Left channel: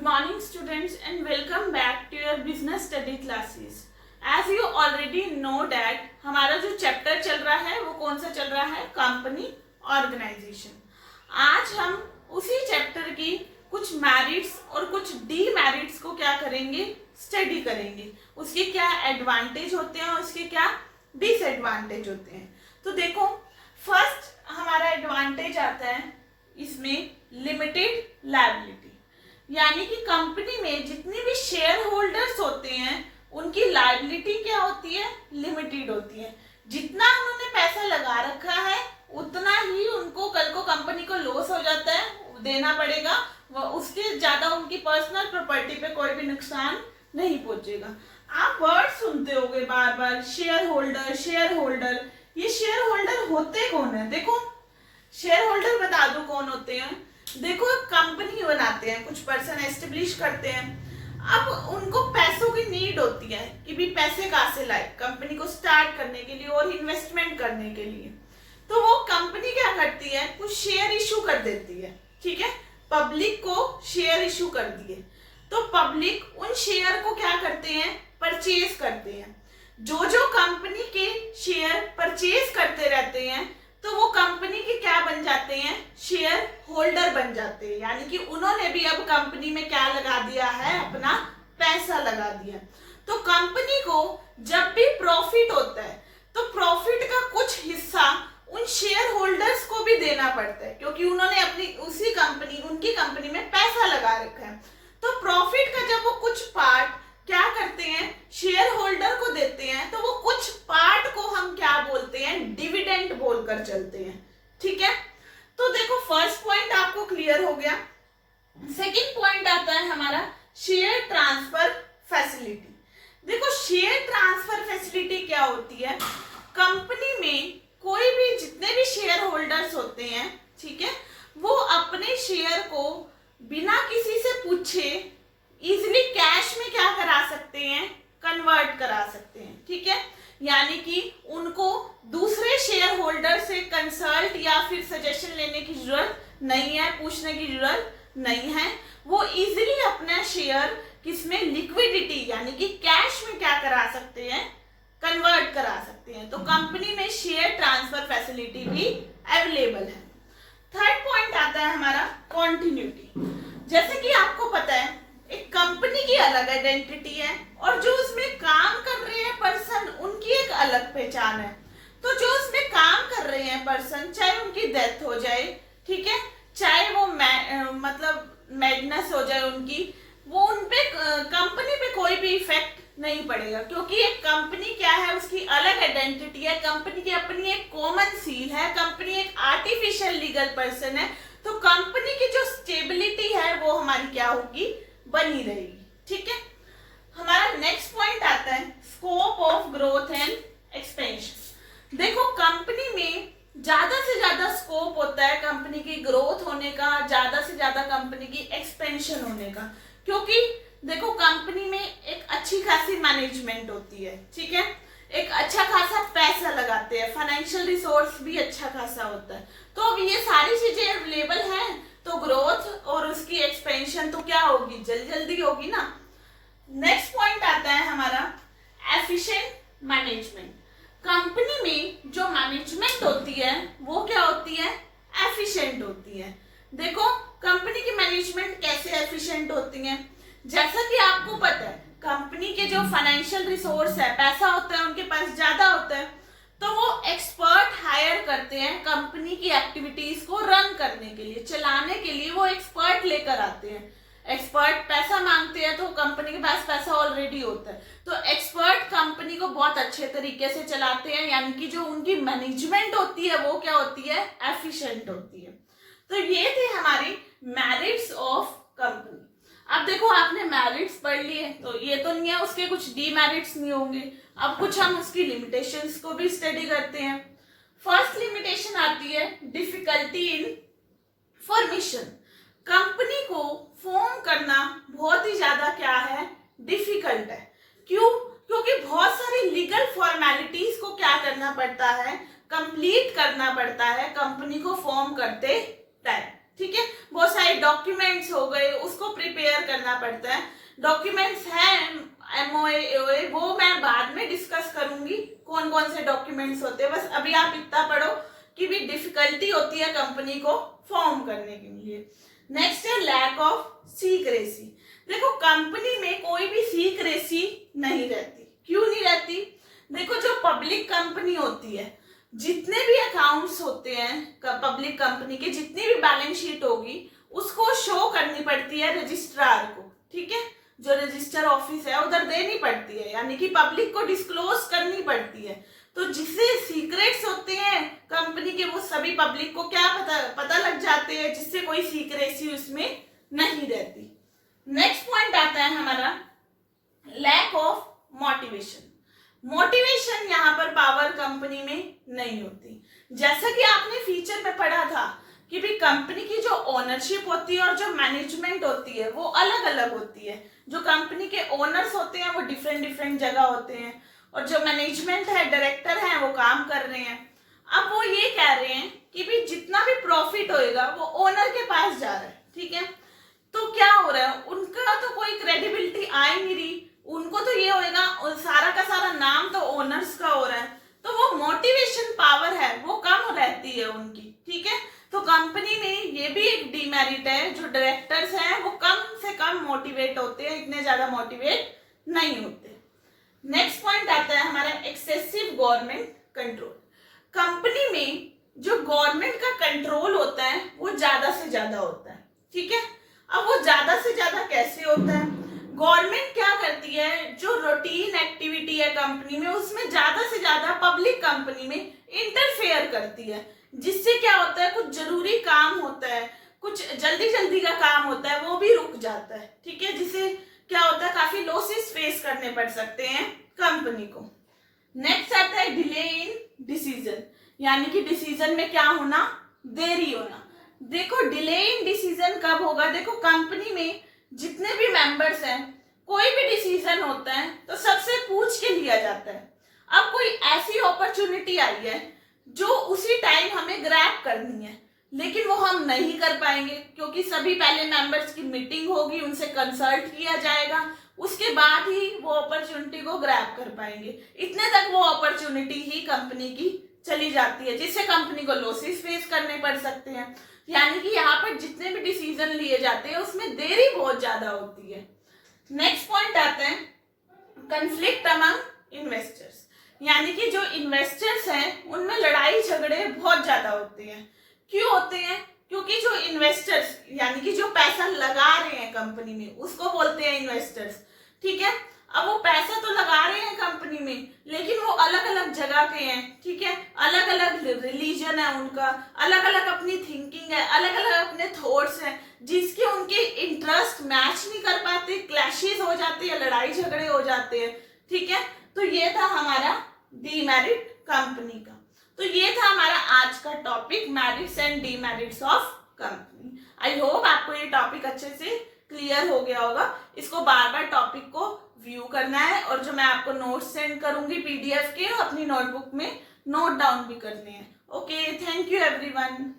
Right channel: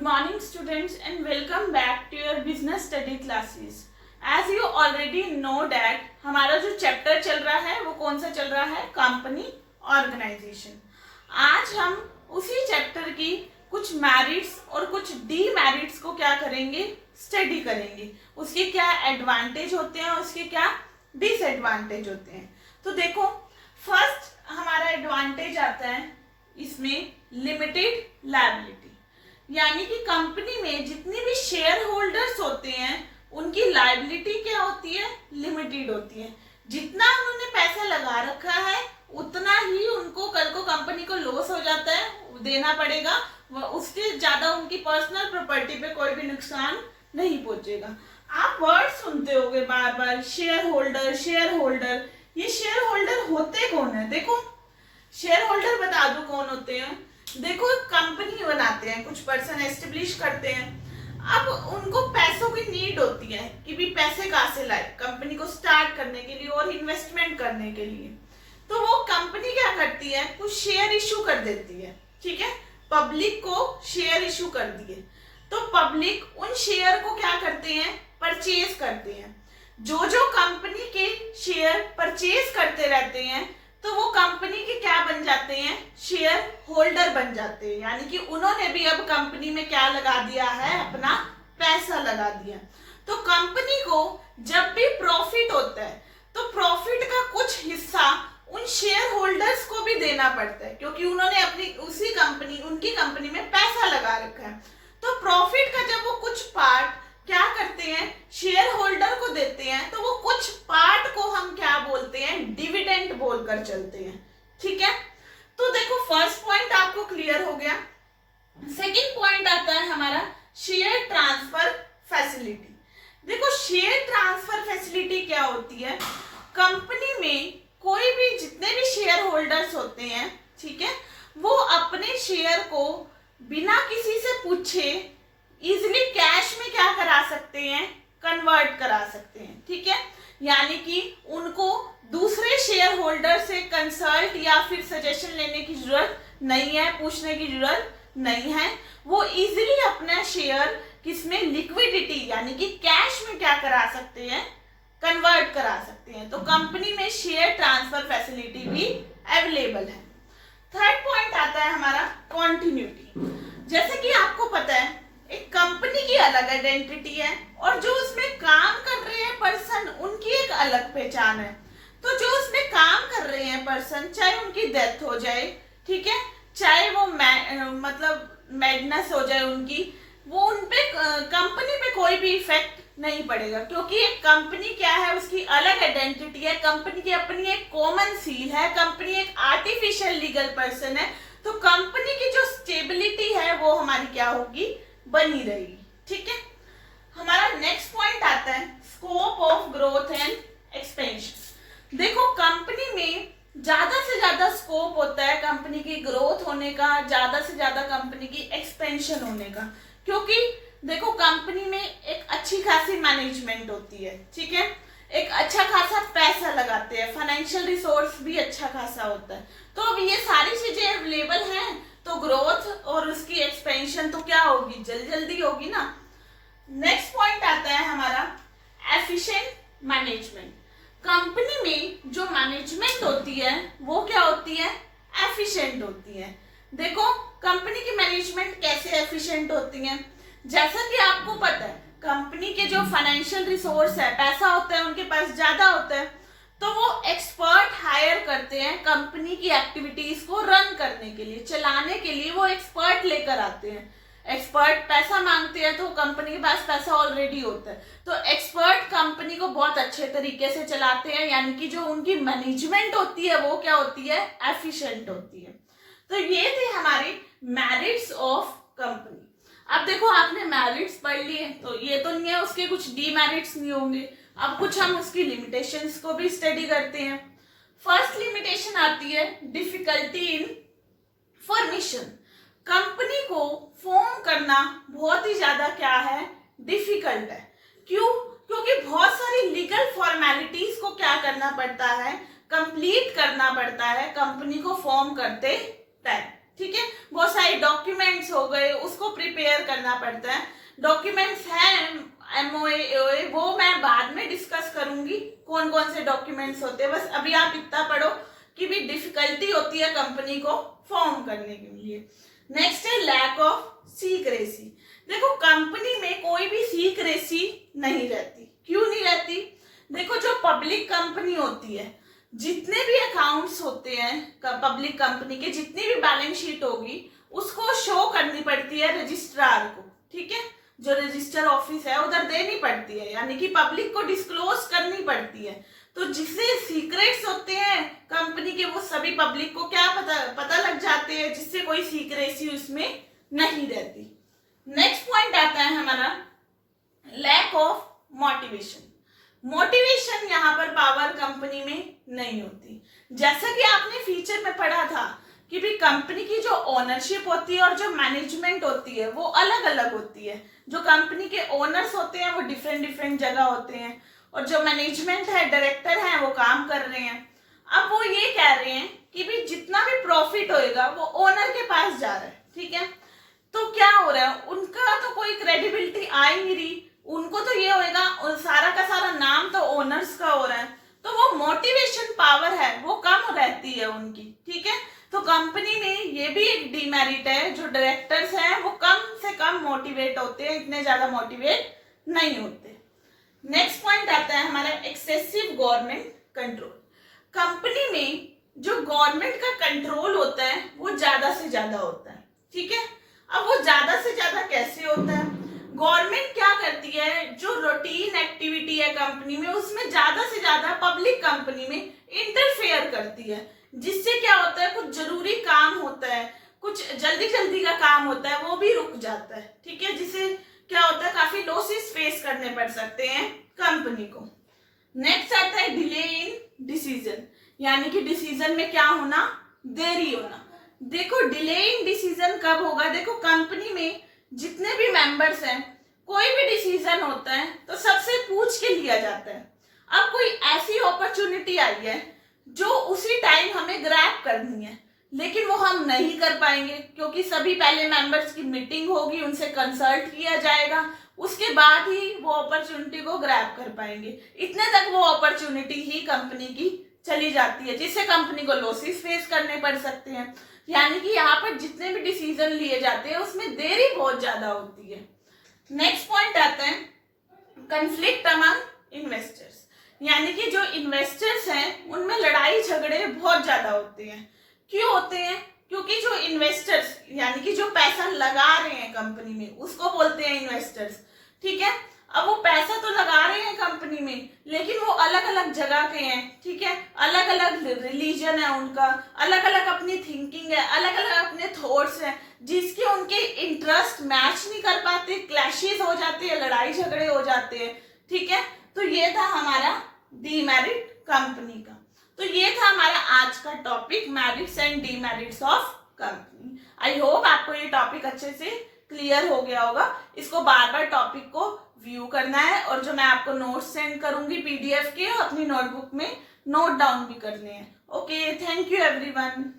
Good morning students and welcome back to your business study classes. As you already know that हमारा जो chapter चल रहा है वो कौन सा चल रहा है, कंपनी ऑर्गेनाइजेशन। आज हम उसी चैप्टर की कुछ मेरिट्स और कुछ डीमेरिट्स को क्या करेंगे, स्टडी करेंगे। उसके क्या एडवांटेज होते हैं और उसके क्या डिसएडवांटेज होते हैं। तो देखो, फर्स्ट हमारा एडवांटेज आता है इसमें लिमिटेड लायबिलिटी, यानी कि कंपनी में जितनी भी शेयर होल्डर्स होते हैं उनकी लायबिलिटी क्या होती है, लिमिटेड होती है। जितना उन्होंने पैसा लगा रखा है उतना ही उनको कल को कंपनी को लॉस हो जाता है, देना पड़ेगा। उसके ज्यादा उनकी पर्सनल प्रॉपर्टी पे कोई भी नुकसान नहीं पहुंचेगा। आप वर्ड सुनते होंगे बार बार, शेयर होल्डर शेयर होल्डर। ये शेयर होल्डर होते कौन है? देखो, शेयर होल्डर बता दो कौन होते हैं। देखो, कंपनी बनाते हैं, कुछ पर्सन एस्टेब्लिश करते हैं। अब उनको पैसों की नीड होती है कि भी पैसे कहाँ से लाए कंपनी को स्टार्ट करने के लिए और इन्वेस्टमेंट करने के लिए। तो वो कंपनी क्या करती है, कुछ शेयर इशू कर देती है, ठीक है। पब्लिक को शेयर इशू कर दिए तो पब्लिक उन शेयर को क्या करते हैं, परचेज करते हैं। जो जो कंपनी के शेयर परचेज करते रहते हैं तो वो कंपनी के क्या बन जाते हैं, शेयर होल्डर बन जाते हैं। यानी कि उन्होंने भी अब कंपनी में क्या लगा दिया है, अपना पैसा लगा दिया। तो कंपनी को जब भी प्रॉफिट होता है तो प्रॉफिट का कुछ हिस्सा उन शेयर होल्डर्स को भी देना पड़ता है, क्योंकि उन्होंने अपनी उनकी कंपनी में पैसा लगा रखा है। तो प्रॉफिट का जब वो कुछ पार्ट क्या करते हैं, शेयर होल्डर को देते हैं, तो वो कुछ पार्ट को हम क्या बोलते हैं, डिविडेंड बोलकर चलते हैं, ठीक है। तो देखो, फर्स्ट पॉइंट आपको क्लियर हो गया। सेकंड पॉइंट आता है हमारा शेयर ट्रांसफर फैसिलिटी। देखो, शेयर ट्रांसफर फैसिलिटी क्या होती है, कंपनी में कोई भी जितने भी शेयर होल्डर्स होते हैं, ठीक है, वो अपने शेयर को बिना किसी से पूछे इजिली कैश में क्या करा सकते हैं, कन्वर्ट करा सकते हैं, ठीक है। यानी कि उनको दूसरे शेयर होल्डर से कंसल्ट या फिर सजेशन लेने की जरूरत नहीं है, पूछने की जरूरत नहीं है। वो इजिली अपना शेयर किसमें, लिक्विडिटी यानी कि कैश में क्या करा सकते हैं, कन्वर्ट करा सकते हैं। तो कंपनी में शेयर ट्रांसफर फैसिलिटी भी अवेलेबल है। थर्ड पॉइंट आता है हमारा कॉन्टिन्यूटी। जैसे कि आपको पता है एक कंपनी की अलग आइडेंटिटी है और जो उसमें काम कर रहे हैं पर्सन उनकी एक अलग पहचान है। तो जो उसमें काम कर रहे हैं पर्सन, चाहे उनकी डेथ हो जाए, ठीक है, चाहे वो मतलब मैडनेस हो जाए उनकी, वो उनपे कंपनी पे कोई भी इफेक्ट नहीं पड़ेगा, क्योंकि एक कंपनी क्या है, उसकी अलग आइडेंटिटी है। कंपनी की अपनी एक कॉमन सील है, कंपनी एक आर्टिफिशियल लीगल पर्सन है। तो कंपनी की जो स्टेबिलिटी है वो हमारी क्या होगी, बनी रहेगी, ठीक है। हमारा नेक्स्ट पॉइंट आता है scope of growth and expansion. देखो, कंपनी में ज्यादा से ज्यादा स्कोप होता है कंपनी की ग्रोथ होने का, ज्यादा से ज्यादा कंपनी की एक्सपेंशन होने का, क्योंकि देखो कंपनी में एक अच्छी खासी मैनेजमेंट होती है, ठीक है, एक अच्छा खासा पैसा लगाते हैं, फाइनेंशियल रिसोर्स भी अच्छा खासा होता है। तो अब ये सारी चीजें अवेलेबल हैं तो ग्रोथ और उसकी एक्सपेंशन तो क्या होगी, जल्दी जल्दी होगी ना। नेक्स्ट पॉइंट आता है हमारा एफिशिएंट मैनेजमेंट। कंपनी में जो मैनेजमेंट होती है वो क्या होती है, एफिशिएंट होती है। देखो, कंपनी की मैनेजमेंट कैसे एफिशिएंट होती है, जैसा कि आपको पता है कंपनी के जो फाइनेंशियल रिसोर्स है, पैसा होता है उनके पास ज्यादा होता है, तो वो एक्सपर्ट हायर करते हैं कंपनी की एक्टिविटीज को रन करने के लिए, चलाने के लिए वो एक्सपर्ट लेकर आते हैं। एक्सपर्ट पैसा मांगते हैं तो कंपनी के पास पैसा ऑलरेडी होता है, तो एक्सपर्ट कंपनी को बहुत अच्छे तरीके से चलाते हैं, यानी कि जो उनकी मैनेजमेंट होती है वो क्या होती है, एफिशिएंट होती है। तो ये थे हमारी मेरिट्स ऑफ कंपनी। अब देखो, आपने मेरिट्स पढ़ लिए तो ये तो नहीं है उसके कुछ डीमेरिट्स नहीं होंगे। अब कुछ हम उसकी लिमिटेशंस को भी स्टडी करते हैं। फर्स्ट लिमिटेशन आती है डिफिकल्टी इन फॉर्मेशन। कंपनी को फॉर्म करना बहुत ही ज्यादा क्या है, डिफिकल्ट है। क्यों? क्योंकि बहुत सारी लीगल फॉर्मेलिटीज को क्या करना पड़ता है, कंप्लीट करना पड़ता है कंपनी को फॉर्म करते टाइम, ठीक है। बहुत सारे डॉक्यूमेंट्स हो गए, उसको प्रिपेयर करना पड़ता है। डॉक्यूमेंट्स हैं MOA AOA, वो मैं बाद में डिस्कस करूंगी कौन कौन से डॉक्यूमेंट्स होते हैं। बस अभी आप इतना पढ़ो कि भी डिफिकल्टी होती है कंपनी को फॉर्म करने के लिए। नेक्स्ट है लैक ऑफ सीक्रेसी। देखो कंपनी में कोई भी सीक्रेसी नहीं रहती। क्यों नहीं रहती? देखो जो पब्लिक कंपनी होती है, जितने भी अकाउंट्स होते हैं पब्लिक कंपनी के, जितनी भी बैलेंस शीट होगी उसको शो करनी पड़ती है रजिस्ट्रार को, ठीक है। जो रजिस्टर ऑफिस है उधर देनी पड़ती है, यानी कि पब्लिक को डिस्क्लोज करनी पड़ती है। तो जिससे सीक्रेट्स होते हैं कंपनी के, वो सभी पब्लिक को क्या पता लग जाते हैं, जिससे कोई सीक्रेसी उसमें नहीं रहती। नेक्स्ट पॉइंट आता है हमारा लैक ऑफ मोटिवेशन। मोटिवेशन यहाँ पर पावर कंपनी में नहीं होती। जैसा कि आपने फीचर में पढ़ा था कि भी कंपनी की जो ओनरशिप होती है और जो मैनेजमेंट होती है वो अलग अलग होती है। जो कंपनी के ओनर्स होते हैं वो डिफरेंट जगह होते हैं, और जो मैनेजमेंट है, डायरेक्टर हैं, वो काम कर रहे हैं। अब वो ये कह रहे हैं कि भी जितना भी प्रॉफिट होएगा वो ओनर के पास जा रहा है, ठीक है। तो क्या हो रहा है, उनका तो कोई क्रेडिबिलिटी आ ही नहीं रही। उनको तो ये होएगा, सारा का सारा नाम तो ओनर्स का हो रहा है, तो वो मोटिवेशन पावर है वो कम रहती है उनकी, ठीक है। तो कंपनी में ये भी एक डीमेरिट है, जो डायरेक्टर्स हैं वो कम से कम मोटिवेट होते हैं, इतने ज्यादा मोटिवेट नहीं होते। नेक्स्ट पॉइंट आता है हमारा एक्सेसिव गवर्नमेंट कंट्रोल। कंपनी में जो गवर्नमेंट का कंट्रोल होता है वो ज्यादा से ज्यादा होता है, ठीक है। अब वो ज्यादा से ज्यादा कैसे होता है? गवर्नमेंट क्या करती है, जो रूटीन एक्टिविटी है कंपनी में उसमें ज्यादा से ज्यादा पब्लिक कंपनी में इंटरफेयर करती है, जिससे क्या होता है, कुछ जरूरी काम होता है, कुछ जल्दी का काम होता है, वो भी रुक जाता है, ठीक है। जिससे क्या होता है, काफी लॉसेस फेस करने पड़ सकते हैं कंपनी को। नेक्स्ट आता है डिले इन डिसीजन, यानी कि डिसीजन में क्या होना, देरी होना। देखो डिले इन डिसीजन कब होगा? देखो कंपनी में जितने भी मेंबर्स हैं, कोई भी डिसीजन होता है तो सबसे पूछ के लिया जाता है। अब कोई ऐसी अपॉर्चुनिटी आई है जो उसी टाइम हमें ग्रैब करनी है, लेकिन वो हम नहीं कर पाएंगे क्योंकि सभी पहले मेंबर्स की मीटिंग होगी, उनसे कंसल्ट किया जाएगा, उसके बाद ही वो अपॉर्चुनिटी को ग्रैब कर पाएंगे। इतने तक वो अपॉर्चुनिटी ही कंपनी की चली जाती है, जिससे कंपनी को लॉसेस फेस करने पड़ सकते हैं। यानी कि यहाँ पर जितने भी डिसीजन लिए जाते हैं उसमें देरी बहुत ज्यादा होती है। नेक्स्ट पॉइंट आता है कंफ्लिक्ट अमंग इन्वेस्टर्स, यानी कि जो इन्वेस्टर्स हैं उनमें लड़ाई झगड़े बहुत ज्यादा होते हैं। क्यों होते हैं? क्योंकि जो इन्वेस्टर्स यानी कि जो पैसा लगा रहे हैं कंपनी में उसको बोलते हैं इन्वेस्टर्स, ठीक है। अब वो पैसा तो लगा रहे हैं कंपनी में, लेकिन वो अलग अलग जगह के हैं, ठीक है। अलग अलग रिलीजन है उनका, अलग अलग अपनी थिंकिंग है, अलग अलग अपने थॉट्स हैं, जिसके उनके इंटरेस्ट मैच नहीं कर पाते, क्लैशेस हो जाते हैं, लड़ाई झगड़े हो जाते हैं, ठीक है। तो ये था हमारा डीमेरिट कंपनी का। तो ये था हमारा आज का topic, merits and demerits of company. I hope आपको ये टॉपिक अच्छे से क्लियर हो गया होगा। इसको बार बार टॉपिक को व्यू करना है, और जो मैं आपको नोट्स सेंड करूंगी PDF के, अपनी नोटबुक में नोट डाउन भी करने हैं। Okay, thank you everyone.